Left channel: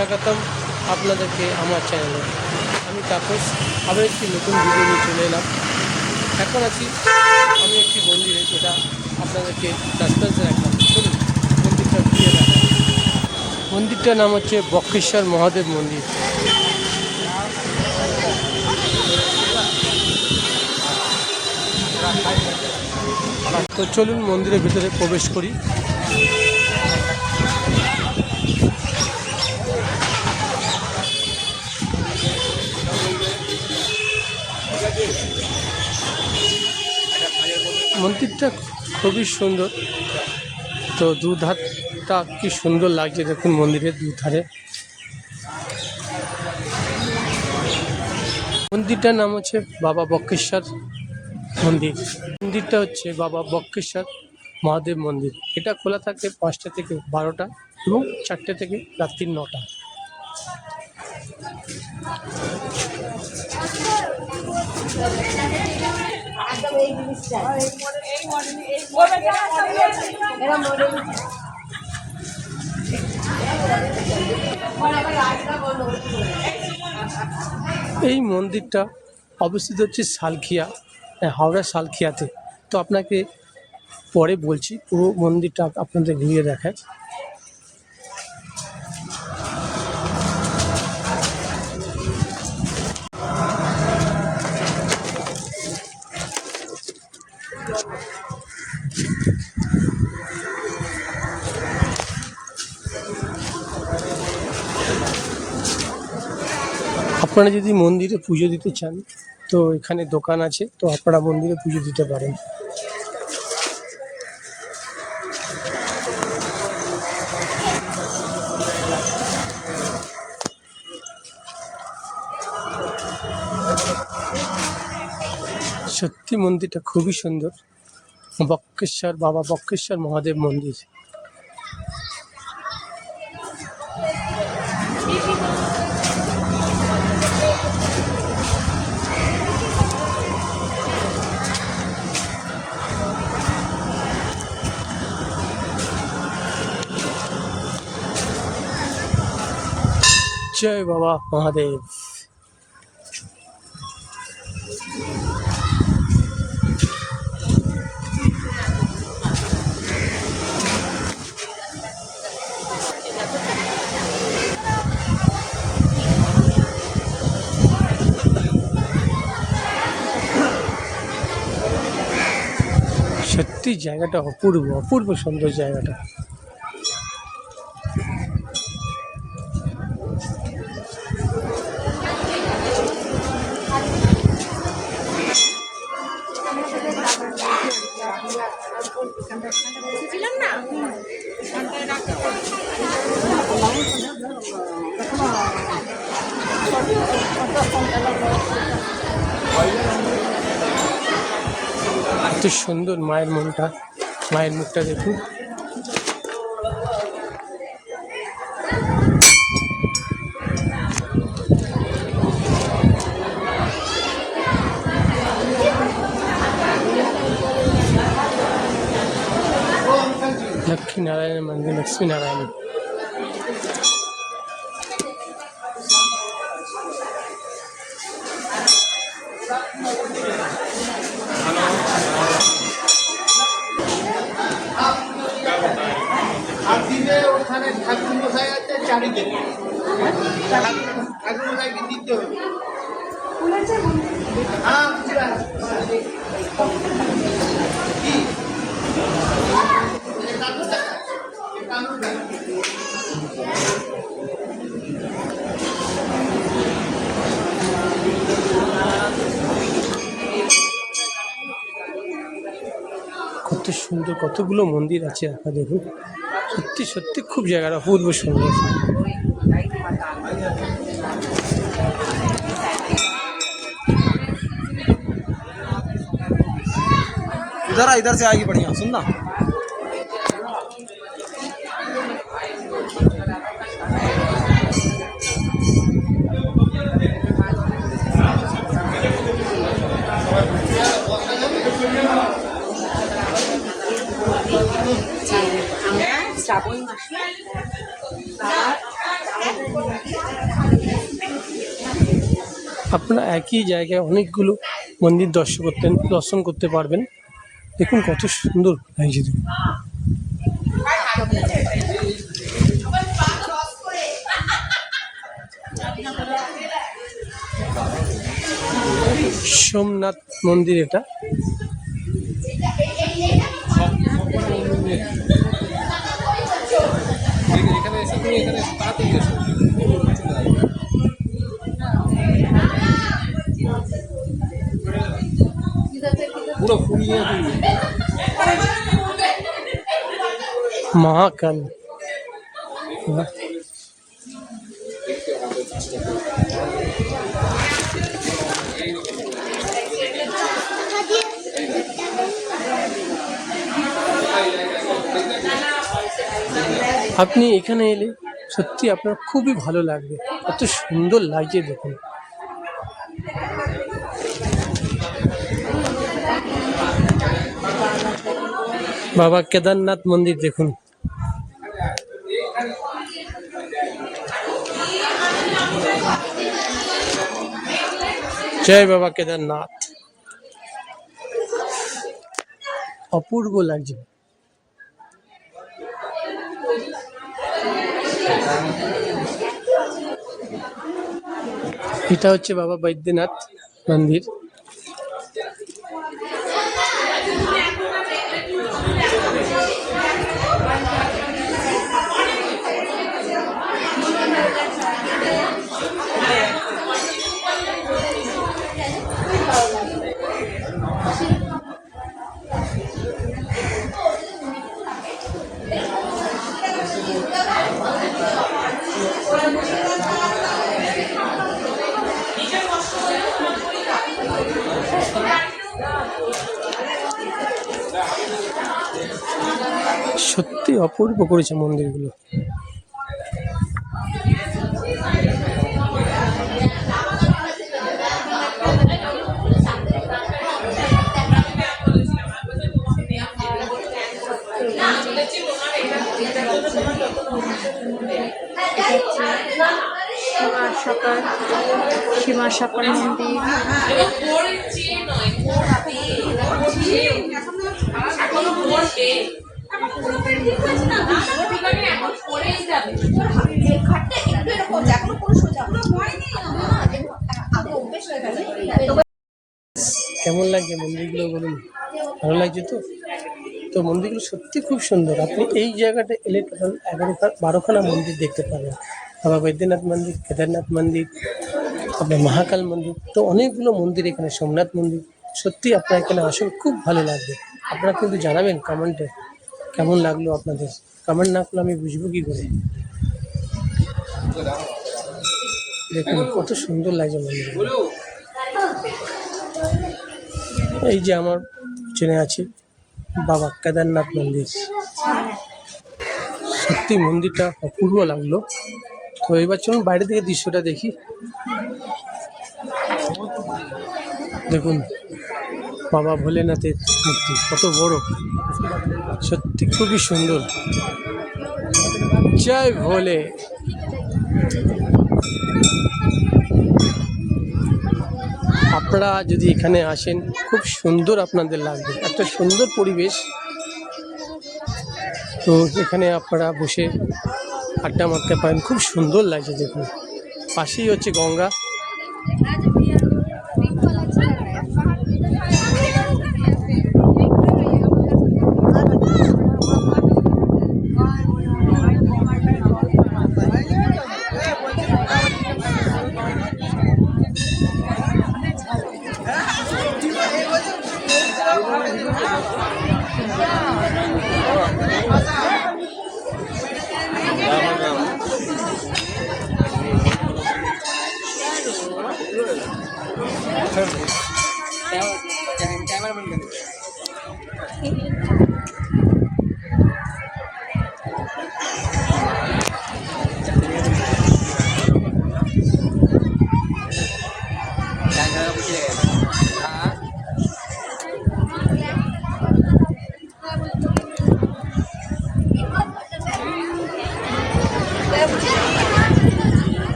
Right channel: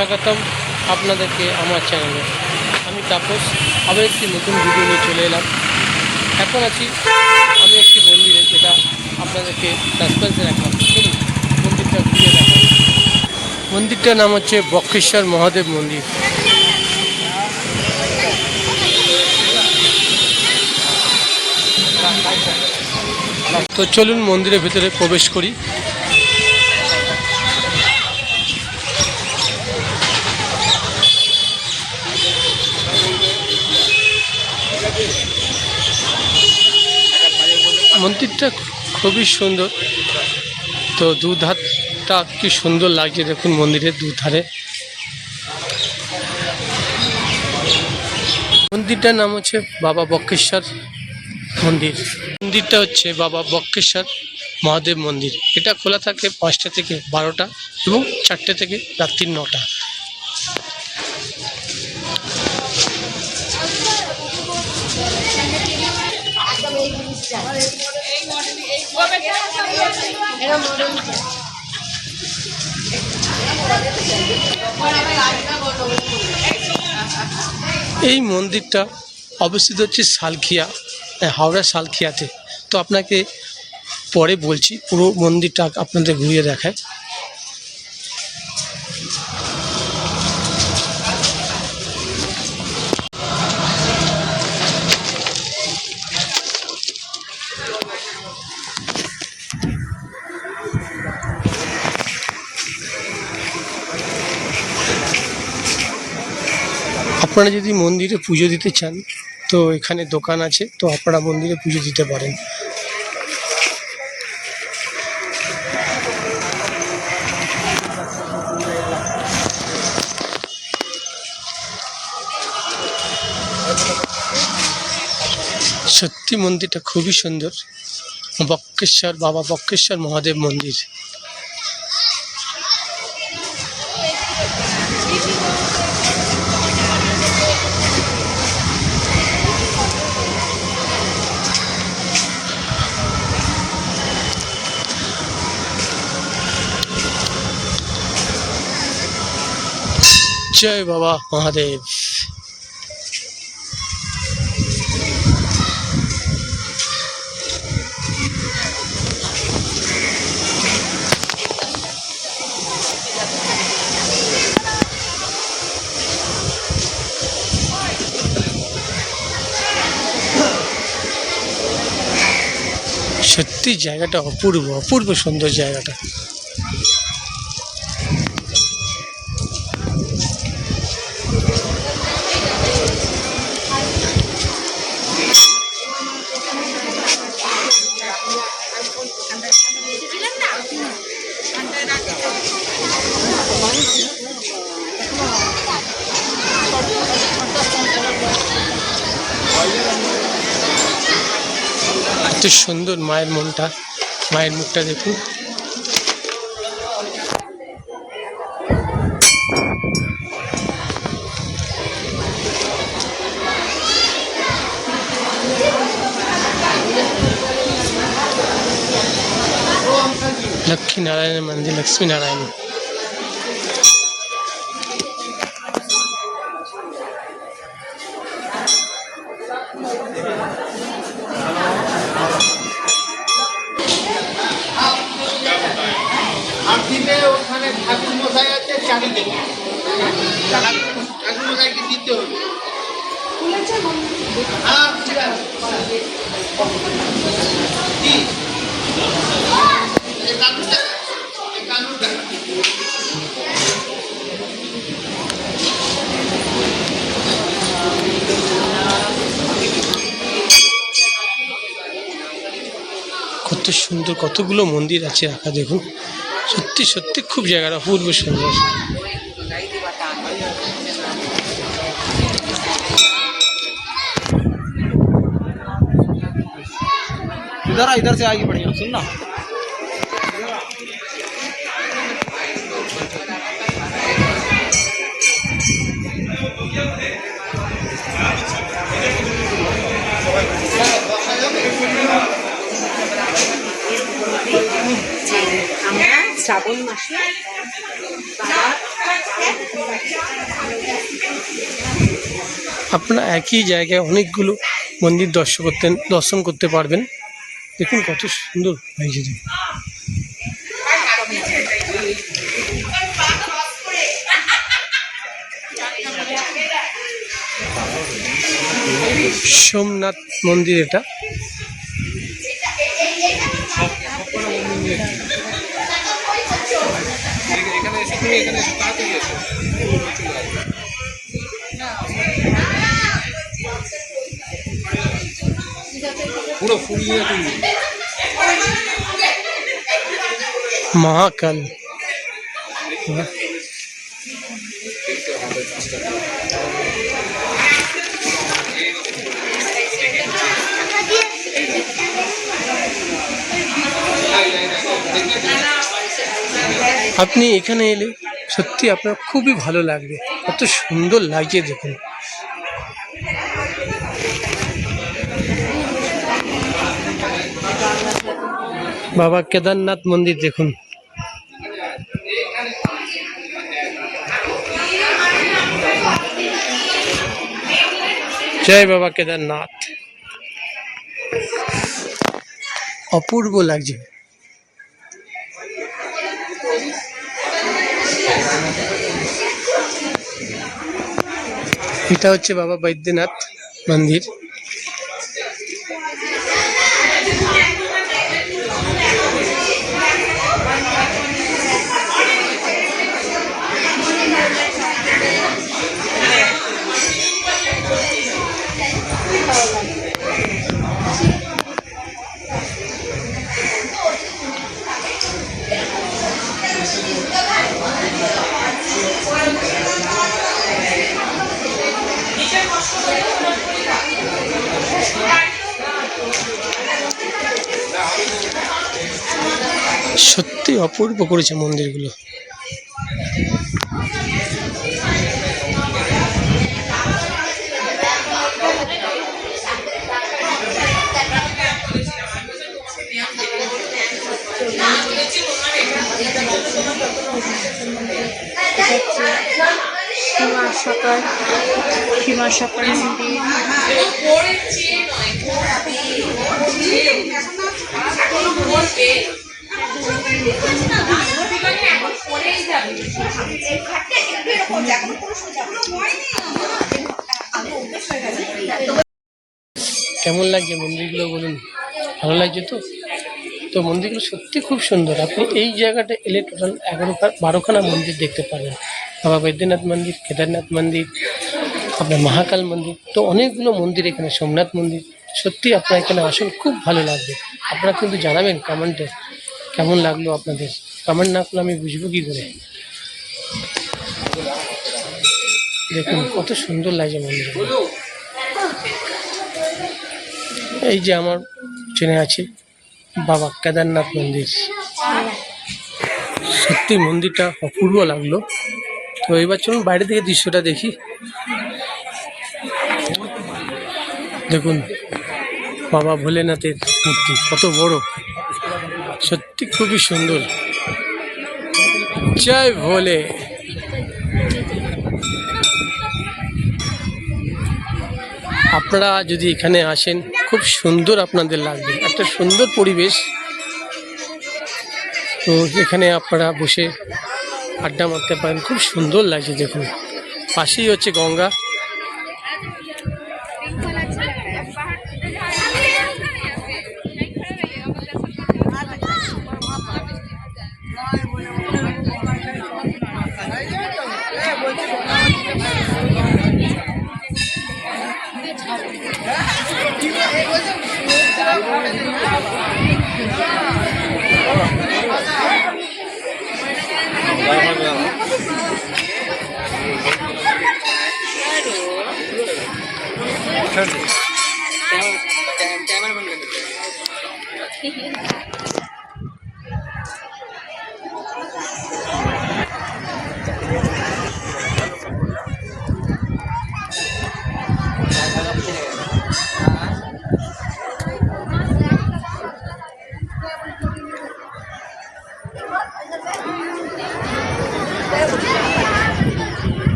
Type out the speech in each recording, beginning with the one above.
স্বাগতম আপনাদেরকে আমার চ্যানেলে। আমি তাপস আবার একটি নতুন ভিডিও নিয়ে চলে এলাম। এখন আছি আমি একটি মন্দিরে, যেটা আপনাদেরকে সাসপেন্সে রাখলাম। চলুন মন্দিরটা ঘুরে দেখা। মন্দিরটার নাম হচ্ছে বক্রেশ্বর মহাদেব মন্দির। তো চলুন মন্দিরের ভিতরে প্রবেশ করি। মন্দিরটা খুবই সুন্দর। তো দুধারটা কি সুন্দর লাগছে দেখুন, মন্দিরের দুধারে। মন্দিরটার নাম হচ্ছে বাবা বক্রেশ্বর মন্দির। মন্দিরটা হচ্ছে বাবা বক্রেশ্বর মহাদেব মন্দির। এটা খোলা থাকে 5টা থেকে 12টা এবং 4টে থেকে রাত্রি 9টা। এই মন্দিরটা অবস্থিত হচ্ছে সালখিয়া, হাওড়া সালখিয়াতে। তো আপনাকে পরে বলছি, পুরো মন্দিরটা আপনাদের ঘুরিয়ে দেখায়। আপনারা যদি মন্দিরে পুজো দিতে চান তো এখানে দোকান আছে, তো আপনারা মন্দিরে পুজো দিতে পারেন। সত্যি মন্দিরটা খুবই সুন্দর। বক্রেশ্বর বাবা বক্রেশ্বর মহাদেব মন্দির। জয় বাবা মহাদেব। সত্যি জায়গাটা অপূর্ব অপূর্ব সুন্দর জায়গাটা। এত সুন্দর মায়ের মনটা, মায়ের মুখটা দেখুন। लक्ष्मी नारायण मंदिर, लक्ष्मी नारायण। ঠাকুর মশাই আছে চারিদিকে, ঠাকুর মশাইকে দিতে হবে। কত সুন্দর, কতগুলো মন্দির আছে রাখা দেখুন। সত্যি সত্যি খুব জায়গাটা অপূর্ব সুন্দর। इधर से आगे बढ़िया सुन ना। আমরা শ্রাবণ মাসে বাবার আপনারা একই জায়গায় অনেকগুলো মন্দির দর্শন করতে পারবেন। দেখুন কত সুন্দর লাগছে দেখুন। সোমনাথ মন্দির এটা। এখানে এসে তুমি এখানে এসে তাড়াতাড়ি এসো। পুরো ফুল দিয়ে তৈরি। মহাকাল। আপনি এখানে এলে সত্যি আপনার খুবই ভালো লাগবে, কত সুন্দর লাগছে দেখুন। বাবা কেদারনাথ মন্দির দেখুন। জয় বাবা কেদারনাথ। অপূর্ব লাগছে। এটা হচ্ছে বাবা বৈদ্যনাথ মন্দির। সত্যি অপূর্ব করেছে মন্দিরগুলো। সীমা সকাল মন্দির। কেমন লাগছে মন্দিরগুলো বলুন, ভালো লাগছে তো? তো মন্দিরগুলো সত্যি খুব সুন্দর। আপনি এই জায়গাটা এলে টোটাল 12খানা মন্দির দেখতে পাবেন। বাবা বৈদ্যনাথ মন্দির, কেদারনাথ মন্দির, আপনার মহাকাল মন্দির, তো অনেকগুলো মন্দির এখানে, সোমনাথ মন্দির। সত্যি আপনারা এখানে আসুন, খুব ভালো লাগবে। আপনারা কিন্তু জানাবেন কমেন্টে কেমন লাগলো আপনাদের। কমেন্ট না করলে আমি বুঝবো কী করে। দেখুন কত সুন্দর লাগছে মন্দিরগুলো। এই যে আমার চেনে আছে বাবা কেদারনাথ মন্দির। সত্যি মন্দিরটা অপূর্ব লাগলো। তো এবার চলুন বাইরে থেকে দৃশ্যটা দেখি। দেখুন বাবা ভোলেনাথের মূর্তি কত বড়, সত্যি খুবই সুন্দর। জয় ভোলে। আপনারা যদি এখানে আসেন খুব সুন্দর আপনাদের লাগবে, একটা সুন্দর পরিবেশ। তো এখানে আপনারা বসে আড্ডা মারতে পারেন, খুব সুন্দর লাগছে। দেখুন পাশেই হচ্ছে গঙ্গা।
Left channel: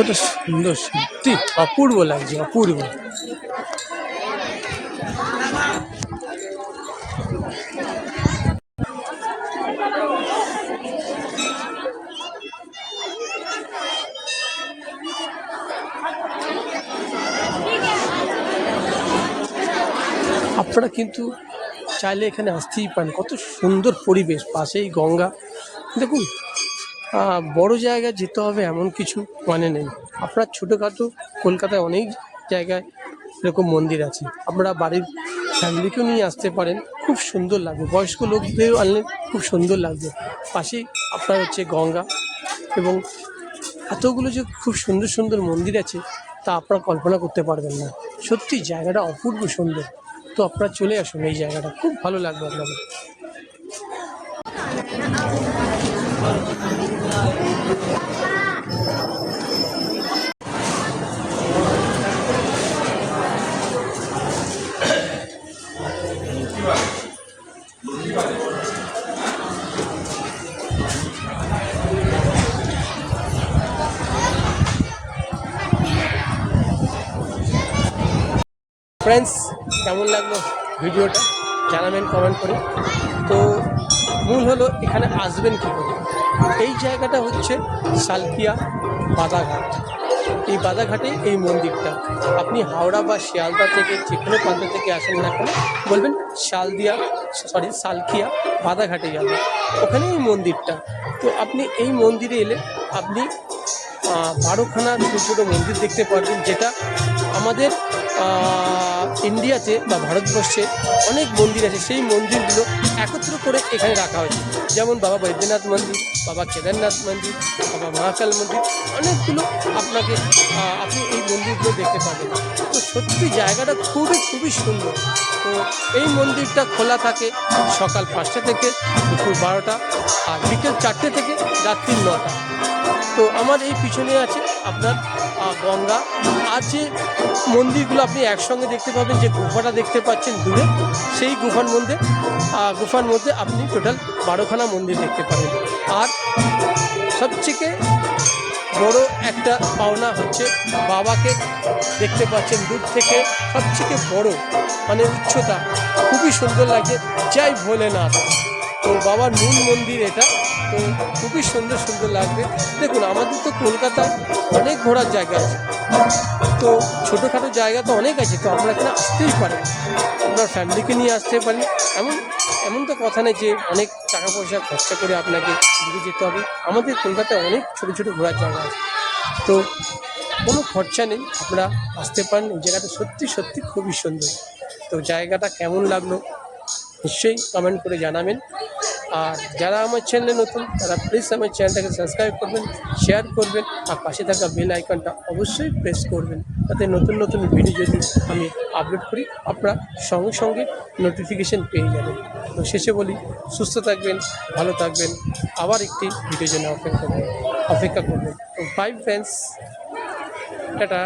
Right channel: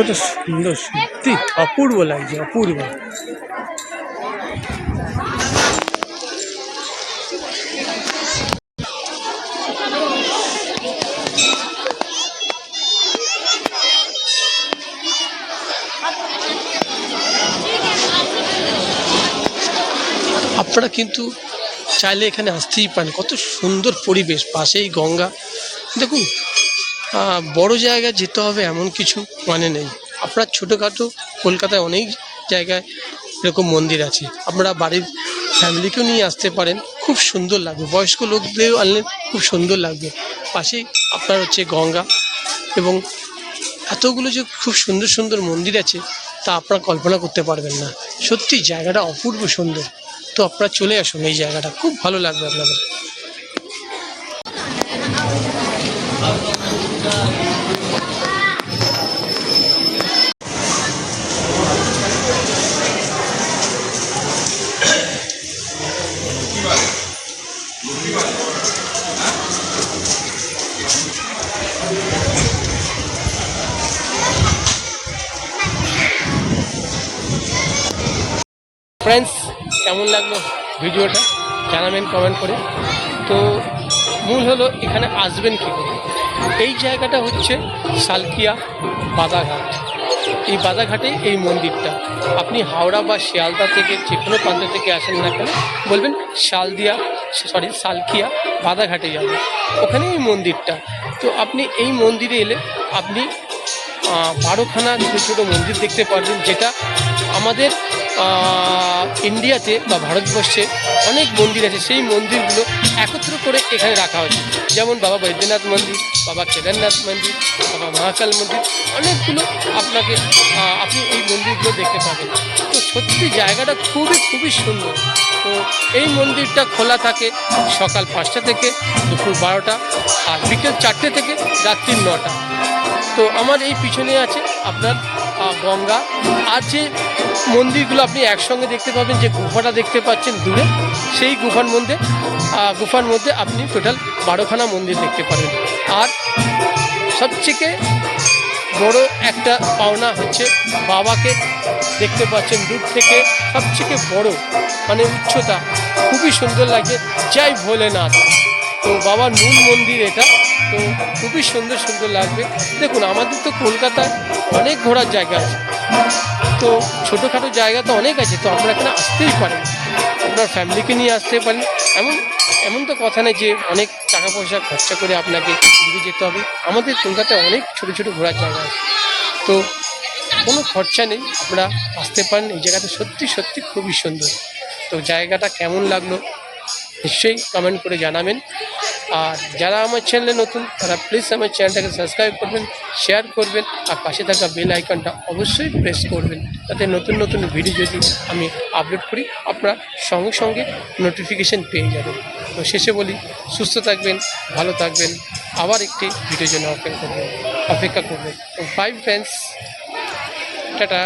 কতটা সুন্দর, সত্যি অপূর্ব লাগছে, অপূর্ব। আপনারা কিন্তু চাইলে এখানে আসতেই পারেন, কত সুন্দর পরিবেশ, পাশেই গঙ্গা। দেখুন, বড় জায়গায় যেতে হবে এমন কিছু মানে নেই। আপনার ছোটোখাটো কলকাতায় অনেক জায়গায় এরকম মন্দির আছে, আপনারা বাড়ির ফ্যামিলিকেও নিয়ে আসতে পারেন, খুব সুন্দর লাগবে। বয়স্ক লোকদেরও আনলে খুব সুন্দর লাগবে। পাশেই আপনার হচ্ছে গঙ্গা, এবং এতগুলো যে খুব সুন্দর সুন্দর মন্দির আছে তা আপনারা কল্পনা করতে পারবেন না। সত্যি জায়গাটা অপূর্ব সুন্দর। তো আপনারা চলে আসুন, এই জায়গাটা খুব ভালো লাগবে আপনাদের। ফ্রেন্ডস, কেমন লাগলো ভিডিওটা জানাবেন কমেন্ট করে। তো মূল হলো এখানে আসবেন কী করে। এই জায়গাটা হচ্ছে সালকিয়া বাদাঘাট। এই বাদাঘাটেই এই মন্দিরটা। আপনি হাওড়া বা শিয়ালদা থেকে যে কোনো প্রান্ত থেকে আসেন না কেন, বলবেন সালকিয়া বাদাঘাটে যাবেন, ওখানে এই মন্দিরটা। তো আপনি এই মন্দিরে এলে আপনি 12খানা ছোটো ছোটো মন্দির দেখতে পারবেন, যেটা আমাদের ইন্ডিয়াতে বা ভারতবর্ষে অনেক মন্দির আছে, সেই মন্দিরগুলো একত্র করে এখানে রাখা হয়েছে। যেমন বাবা বৈদ্যনাথ মন্দির, বাবা কেদারনাথ মন্দির, বাবা মহাকাল মন্দির, অনেকগুলো আপনি এই মন্দিরগুলো দেখতে পাবেন। তো সত্যি জায়গাটা খুবই খুবই সুন্দর। তো এই মন্দিরটা খোলা থাকে সকাল 5টা থেকে দুপুর 12টা, আর বিকেল 4টে থেকে রাত্রি 9টা। তো আমার এই পিছনে আছে আপনার গঙ্গা, আর যে মন্দিরগুলো আপনি একসঙ্গে দেখতে পাবেন, যে গুফাটা দেখতে পাচ্ছেন দূরে, সেই গুফার মধ্যে আপনি টোটাল 12খানা মন্দির দেখতে পাবেন। আর সবথেকে বড় একটা পাওনা হচ্ছে বাবাকে দেখতে পাচ্ছেন দূর থেকে, সবথেকে বড় মানে উচ্চতা, খুবই সুন্দর লাগে, জয় ভোলেনাথ। তো বাবার মূল মন্দির এটা, তো খুবই সুন্দর সুন্দর লাগবে। দেখুন, আমাদের তো কলকাতায় অনেক ঘোরার জায়গা আছে, তো ছোটোখাটো জায়গা তো অনেক আছে, তো আপনারা এখানে আসতেই পারেন, আপনার ফ্যামিলিকে নিয়ে আসতে পারেন। এমন তো কথা নেই যে অনেক টাকা পয়সা খরচা করে আপনাকে দূরে যেতে হবে। আমাদের কলকাতায় অনেক ছোটো ছোটো ঘোরার জায়গা আছে, তো কোনো খরচা নেই, আপনারা আসতে পারেন। এই জায়গাটা সত্যি সত্যি খুবই সুন্দর। তো জায়গাটা কেমন লাগলো নিশ্চয়ই কমেন্ট করে জানাবেন। আর যারা আমার চ্যানেলে নতুন, তারা প্লিজ আমার চ্যানেলটাকে সাবস্ক্রাইব করবেন, শেয়ার করবেন, আর পাশে থাকা বেল আইকনটা অবশ্যই প্রেস করবেন, যাতে নতুন নতুন ভিডিও যদি আমি আপলোড করি আপনারা সঙ্গে সঙ্গে নোটিফিকেশন পেয়ে যাবেন। তো শেষে বলি, সুস্থ থাকবেন, ভালো থাকবেন, আবার একটি ভিডিওর জন্য অপেক্ষা করবেন। তো বাই ফ্রেন্ডস, টাটা।